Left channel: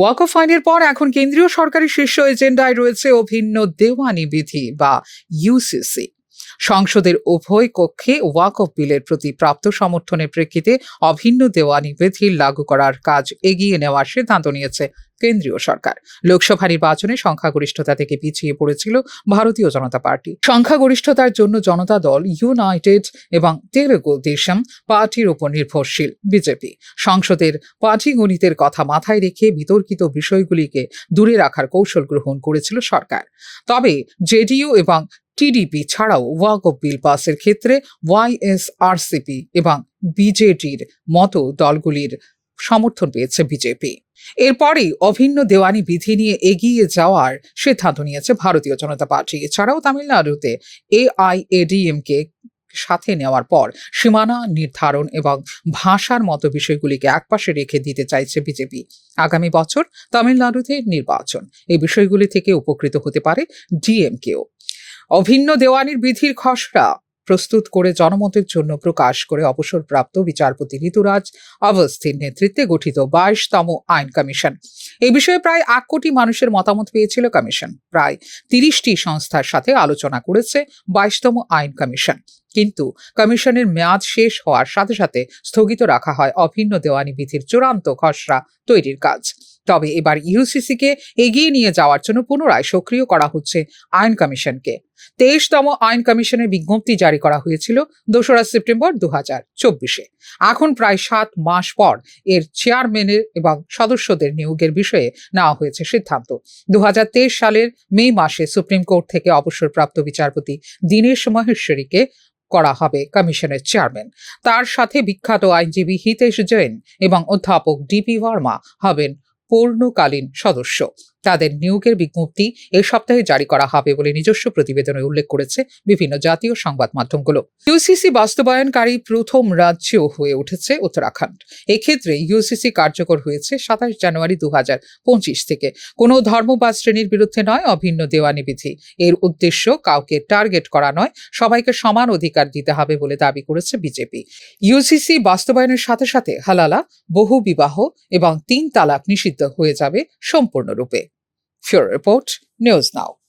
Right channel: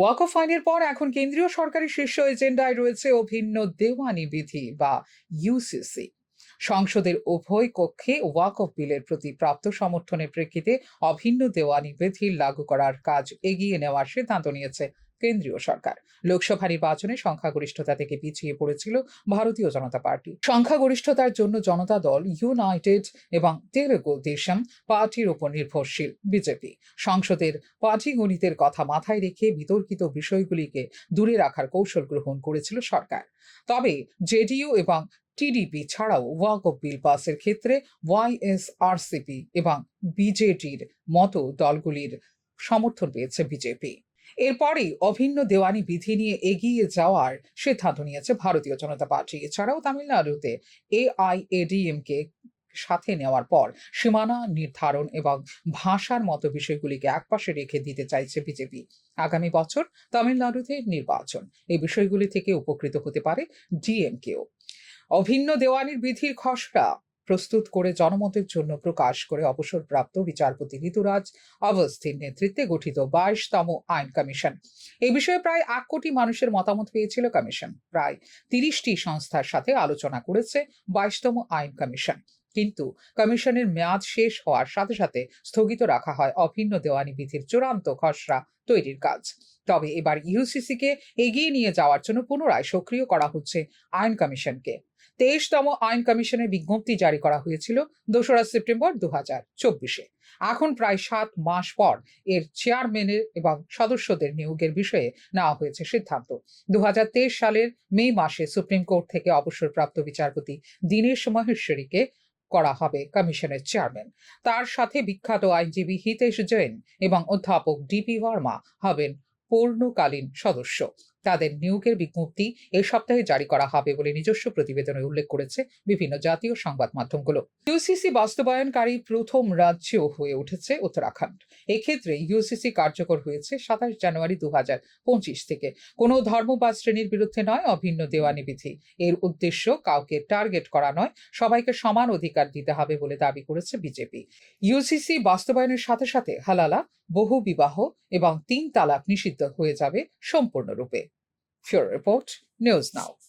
ওয়াকফ আইনের পর এখন কেন্দ্রীয় সরকারের শীর্ষ এজেন্ডায় রয়েছে অভিন্ন দেওয়ানি বিধি বা ইউসিসি। সংসদের উভয় কক্ষে ওয়াকফ বিলের প্রতি প্রাপ্ত সমর্থনের প্রেক্ষিতে অভিন্ন দেওয়ানি বিধি লাগু করার কাজ এগিয়ে নেওয়ার সিদ্ধান্ত নিয়েছে কেন্দ্রীয় সরকার। লোকসভা নির্বাচনে সংখ্যাগরিষ্ঠতা থেকে পিছিয়ে পড়েছিল ভারতীয় জনতা পার্টি। সংখ্যাগরিষ্ঠতার জন্য জনতা দল, ইউনাইটেড এবং তেলুগু দেশম পার্টির উপর নির্ভরশীল বিজেপি। সংসদের পাটিগণিতের কথা মাথায় রেখে বিতর্কিত বিষয়গুলিকে দূরে রাখার কৌশল গ্রহণ করেছিল সরকার। তবে জেডিইউ এবং টিডিপি ছাড়াও ওয়াকফ বিল পাসের ক্ষেত্রে ওয়াইএসআরসিপি এবং বিজেডির মতো দলগুলির সমর্থন পেয়েছে বিজেপি। এরপরেই অভিন্ন দেওয়ানি বিধি নিয়ে এগিয়ে যাওয়ার সিদ্ধান্ত নিয়েছে ভারতীয় জনতা পার্টি। এছাড়াও তামিলনাড়ুতে এআইএডিএমকে সাথে নেওয়ার পর সীমানা নির্ধারণ এবং ভাষার মতো বিষয়গুলিকে একপাশে রেখে দিতে চাইছে বিজেপি। আগামী বছর তামিলনাড়ুতে নির্বাচন, এই বিষয়গুলি থেকে উপকৃত হতে পারে ডিএমকেও। অভিন্ন দেওয়ানির বিধির খসড়া প্রস্তুত করে জনমতের জন্য প্রকাশ করে অবসরপ্রাপ্ত বিচারপতি ঋতুরাজ অবস্থির নেতৃত্বে গঠিত 22তম আইন কমিশন। এই বিষয়ে প্রায় 1 কোটি মানুষের মতামত পেয়েছিল কমিশন। প্রায় 30টি সংস্থার সাথে আলোচনা করেছে 22তম আইন কমিশন। কিন্তু কমিশনের মেয়াদ শেষ হওয়ার সাথে সাথে স্থগিত রাখা হয় অভিন্ন দেওয়ানি বিধির চূড়ান্ত খসড়া তৈরির কাজ। তবে এবার ইউসিসিকে এগিয়ে নিয়ে যাওয়ার জন্য পুনরায় সক্রিয় করা হচ্ছে আইন কমিশনকে। 23তম আইন কমিশনের বিজ্ঞপ্তি জারি করা হয়েছিল 2রা সেপ্টেম্বর 2024-এ। এখন প্রায় 7 মাস পর এর চেয়ারম্যানের এবং সদস্যদের নিয়োগের বিষয়ে নেওয়া হয়েছে সিদ্ধান্ত। 2023 সালের মে মাসে সুপ্রিম কোর্ট থেকে অবসরপ্রাপ্ত বিচারপতি দীনেশ মহেশ্বরীকে করা হবে কমিশনের চেয়ারম্যান। তার সাথে বিখ্যাত আইনজীবী হিতেশ জৈন এবং অধ্যাপক ডিপি ভার্মা হবেন পূর্ণকালীন সদস্য। তাদের নিয়োগের বিজ্ঞপ্তি এই সপ্তাহে জারি করা হবে বলে নিজস্ব প্রতিবেদনে উল্লেখ করেছে বিভিন্ন জাতীয় সংবাদ মাধ্যমগুলো। ইউসিসি বাস্তবায়নকারী প্রথম রাজ্য হয়ে উঠেছে উত্তরাখণ্ড। এক্ষেত্রে ইউসিসি কার্যকর হয়েছে 27 জানুয়ারি 2025 থেকে। কোনো ধর্ম বা শ্রেণীর বিরুদ্ধে নয় অভিন্ন দেওয়ানি বিধি। এর উদ্দেশ্য কাউকে টার্গেট করা নয়, সবাইকে সমান অধিকার দিতে হবে বলে দাবি করেছে বিজেপি। ইউসিসি বাস্তবায়নের সাথে সাথে হালালা, বহু বিবাহ এবং 3 তালাক নিষিদ্ধ হয়ে যাবে সম্পূর্ণরূপে। Pure Report, News Now.